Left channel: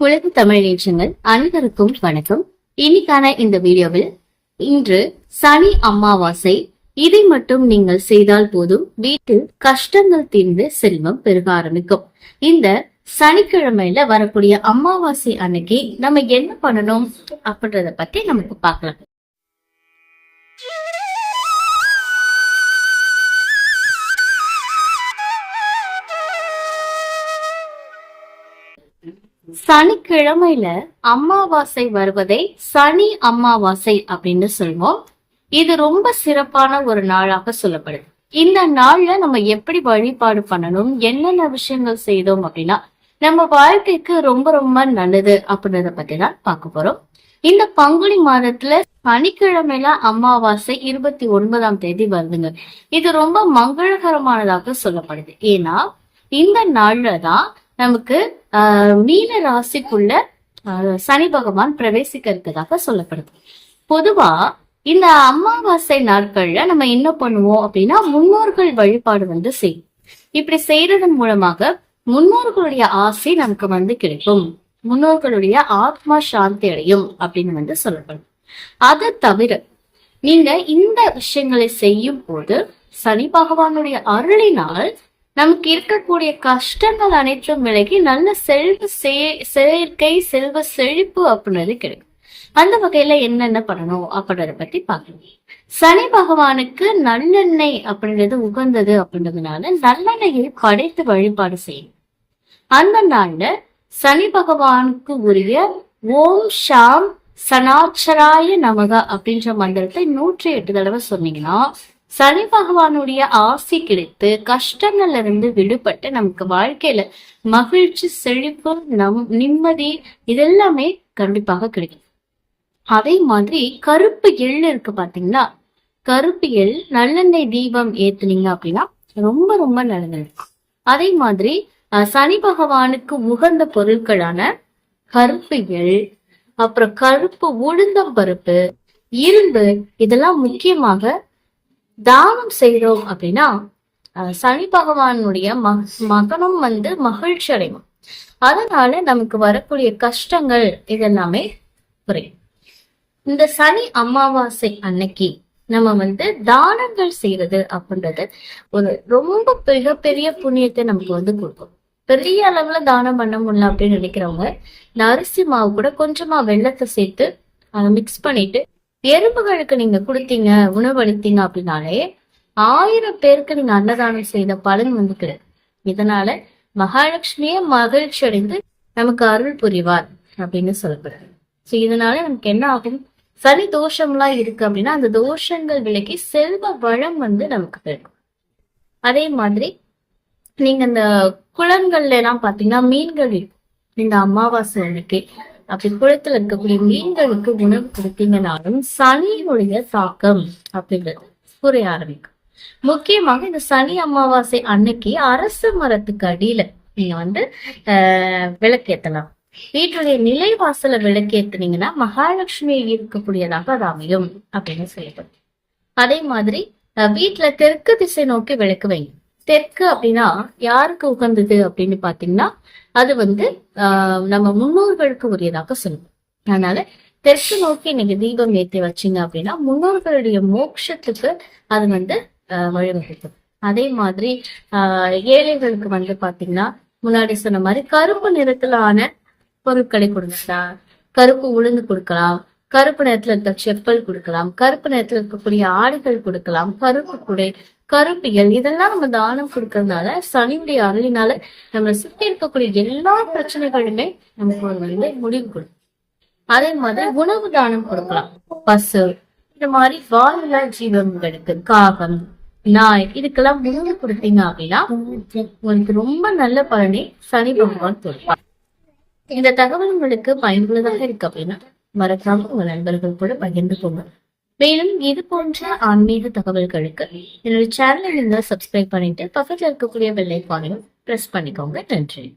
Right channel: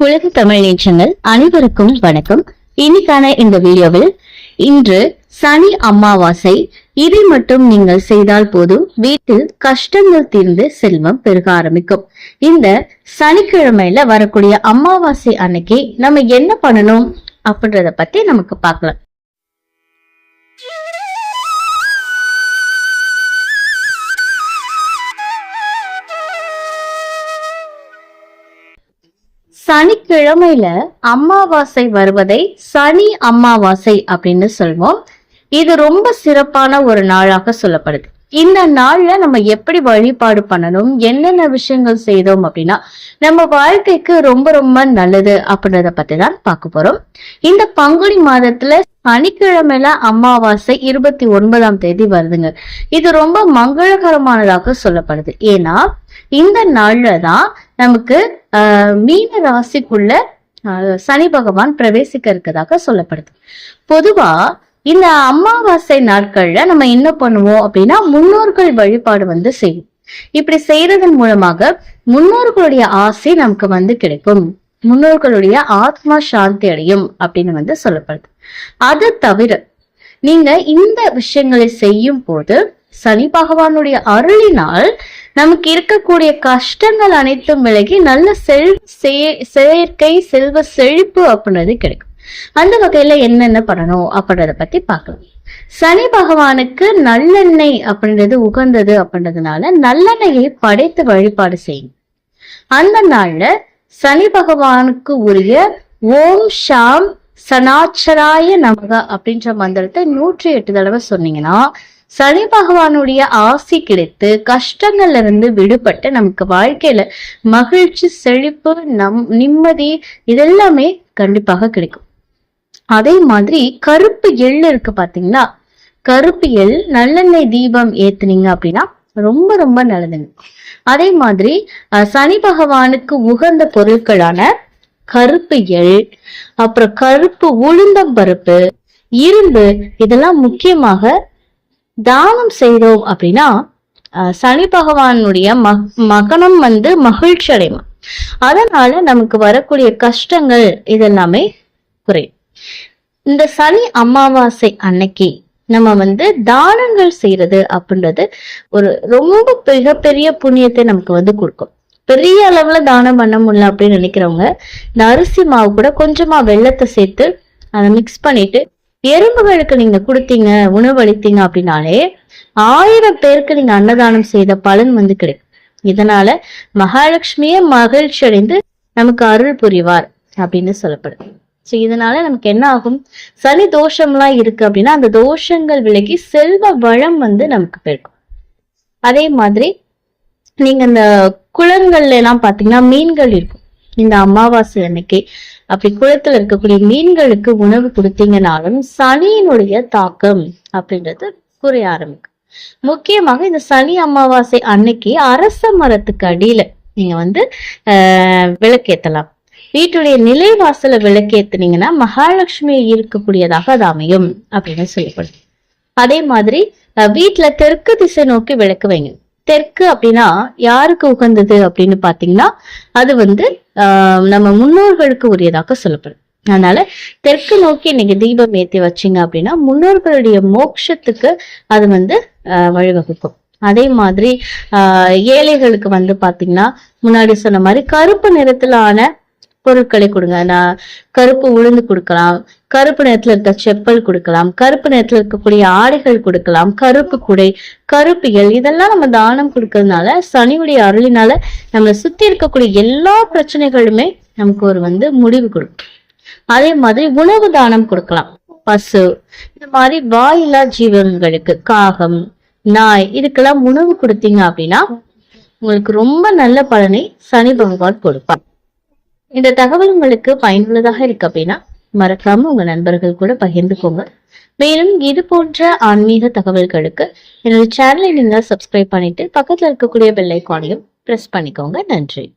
உலக தமிழ் நேற்றங்கள் அனைவருக்கும் வணக்கம். இன்னைக்கான இந்த வீடியோவில் இன்று சனி அமாவாசை. இதை மட்டும் நீங்கள் செய்தால் போதும் வீட்டில் கஷ்டங்கள் தீர்ந்து செல்வம் பெருக ஆரம்பிக்கும். இந்த சனிக்கிழமையில வரக்கூடிய அமாவாசை அன்னைக்கு நம்ம என்ன பண்ணணும் அப்படின்றத பத்தி நமக்கு பார்க்கலாம். சனிக்கிழமையில அமாவாசை வருவதை சனி அமாவாசை அப்படின்னு சொல்வோம். இது ரொம்ப சிறப்பான ஒரு நாளாக சொல்லப்படுது. இந்த நாள்ல நம்ம எப்படி வழிபாடு பண்ணணும் என்னென்ன விஷயங்கள் செய்தோம் அப்படின்னா நம்ம வாழ்க்கைக்கு ரொம்ப ரொம்ப நல்லது அப்படின்றத பத்தி தான் பார்க்க போறோம். இந்த பங்குனி மாதத்துல சனிக்கிழமையில அமாவாசை இருபத்தி ஒன்பதாம் தேதி வருதுங்க. இது ரொம்ப மங்களகரமானதாக சொல்லப்படுது. ஏன்னா இந்த நாள்ல தான் நமக்கு மீன ராசிக்குள்ள சனி பகவான் பிரவேசிக்க இருக்கதாக சொல்லப்படுது. பொதுவா இந்த அமாவாசை நாட்கள்ல நம்ம என்ன பண்ணுவோம் அப்படின்னா முன்னோர்கள் வழிபாடு வந்து செய்யும் இப்படி செய்யறதன் மூலமாக முன்னோர்களுடைய ஆசை நமக்கு வந்து கிடைக்கும். முன்னோர்களுடைய ஆத்மா சாந்தி அடையும் அப்படின்னு வந்து சொல்லப்படுது. அது தவிர நீங்க இந்த விஷயங்களை செய்யும் போது சனி பகவானுடைய அருளினால் நமக்கு இருக்கக்கூடிய கஷ்டங்கள் அனைத்தும் விலகி நல்ல செல்வ செய- செயற்கை செல்வ செழிப்பு அப்படின்றது கிடைக்கும். அந்த வகையில என்னென்ன பண்ணணும் அப்படின்றத பத்தி பார்க்கலாம். சனி பகவானுக்கு நல்லெண்ணெய் அப்படின்றது உகந்தது அப்படின்றதுனால நல்லெண்ணெயை படைத்து வழிபாடு செய்யும் அந்த நாள்ல சனி பகவானுக்கு உரிய ஓம் ஷாம் சனாச்சராய நமக அப்படின்ற மந்திரத்தை நூற்றி எட்டு தடவை சொன்னீங்கன்னா சனி பகவானுடைய ஆசி கிடைத்து கஷ்டங்கள்ல இருந்து விடுபட்டு நமக்கு வாழ்க்கையில மகிழ்ச்சி செழிப்பு நம் நிம்மதி இதெல்லாமே கண்டிப்பாக கிடைக்கும். அதே மாதிரி கருப்பு எள் இருக்கு பாத்தீங்களா? கருப்பு எள் நல்லெண்ணெய் தீபம் ஏத்துனீங்க அப்படின்னா ரொம்ப ரொம்ப நல்லதுங்க அதே மாதிரி அஹ், சனி பகவானுக்கு உகந்த பொருட்களான கருப்பு எள் அப்புறம் கருப்பு உளுந்தம் பருப்பு இரும்பு இதெல்லாம் முக்கியமாக தானம் செய்தோம் அப்படின்னா சனி பகவானுடைய மகனம் வந்து மகிழ்ச்சி அடையும் அதனால நமக்கு வரக்கூடிய கஷ்டங்கள் இதெல்லாமே குறையும். இந்த சனி அமாவாசை அன்னைக்கு நம்ம வந்து தானங்கள் செய்யறது அப்படின்றது ஒரு ரொம்ப மிகப்பெரிய புண்ணியத்தை நமக்கு வந்து கொடுக்கும். பெரிய அளவுல தானம் பண்ண முடியல அப்படின்னு நினைக்கிறவங்க இந்த அரிசி மாவு கூட கொஞ்சமா வெள்ளத்தை சேர்த்து அதை மிக்ஸ் பண்ணிட்டு எறும்புகளுக்கு நீங்க கொடுத்தீங்க உணவளித்தீங்க அப்படின்னாலே ஆயிரம் பேருக்கு நீங்க அன்னதானம் செய்த பலன் வந்து கிடைக்கும் இதனால மகாலட்சுமியே மகிழ்ச்சி அடைந்து நமக்கு அருள் புரிவார் அப்படின்னு சொல்லப்படுது ஸோ இதனால நமக்கு என்ன ஆகும்? சனி தோஷம்லாம் இருக்கு அப்படின்னா அந்த தோஷங்கள் விலகி செல்வ வளம் வந்து நமக்கு பெருக்கும் அதே மாதிரி நீங்க அந்த குளங்கள்ல எல்லாம் பாத்தீங்கன்னா மீன்கள் இருக்கும். இந்த அமாவாசை அன்னைக்கு அப்படி குளத்துல இருக்கக்கூடிய மீன்களுக்கு உணவு கொடுத்தீங்கனாலும் சனியினுடைய தாக்கம் அப்படின்றது குறைய ஆரம்பிக்கும். முக்கியமாக இந்த சனி அமாவாசை அன்னைக்கு அரச மரத்துக்கு அடியில நீங்க வந்து ஆஹ் விளக்கேத்தலாம். வீட்டுடைய நிலைவாசல விளக்கேத்துனீங்கன்னா மகாலட்சுமி இருக்கக்கூடியதாக அது அமையும் அப்படின்னு சொல்லப்படுது அதே மாதிரி வீட்டுல தெற்கு திசை நோக்கி விளக்கு வைங்க. தெற்கு அப்படின்னா யாருக்கு உகந்தது அப்படின்னு பாத்தீங்கன்னா அது வந்து ஆஹ், நம்ம முன்னோர்களுக்கு உரியதாக சொல்லப்படும். அதனால தெற்கு நோக்கி நீங்க தீபம் ஏற்றி வச்சீங்க அப்படின்னா முன்னோர்களுடைய மோட்சத்துக்கு அது வந்து ஆஹ், வழிவகுக்கும். அதே மாதிரி ஆஹ், ஏழைகளுக்கு வந்து பாத்தீங்கன்னா முன்னாடி சொன்ன மாதிரி கருப்பு நிறத்துல ஆன பொருட்களை கொடுங்க. நான் கருப்பு உளுந்து கொடுக்கலாம். கருப்பு நிறத்துல இருக்க செப்பல் கொடுக்கலாம். கருப்பு நிறத்துல இருக்கக்கூடிய ஆடைகள் கொடுக்கலாம். கருப்பு குடை கருப்பிகள் இதெல்லாம் நம்ம தானம் கொடுக்கறதுனால சனியுடைய அருளினால நம்மளை சுத்தி இருக்கக்கூடிய எல்லா பிரச்சனைகளுமே நமக்கு ஒரு வந்து முடிவு கொடுக்கும். அதே மாதிரி உணவு தானம் கொடுக்கலாம். பசு இந்த மாதிரி வாயில்லா ஜீவன்களுக்கு காகம் நாய் இதுக்கெல்லாம் உணவு கொடுத்தீங்க அப்படின்னா உங்களுக்கு ரொம்ப நல்ல பலனை சனி பகவான் கொடுப்பான் இந்த தகவல் உங்களுக்கு பயனுள்ளதாக இருக்கு அப்படின்னா மறக்காம உங்க நண்பர்கள் கூட பகிர்ந்துக்கோங்க. மேலும் இது போன்ற ஆன்மீக தகவல்களுக்கு என்னோட சேனலை நீங்க சப்ஸ்கிரைப் பண்ணிட்டு பக்கத்துல இருக்கக்கூடிய பெல் ஐக்கானையும் பிரஸ் பண்ணிக்கோங்க. நன்றி.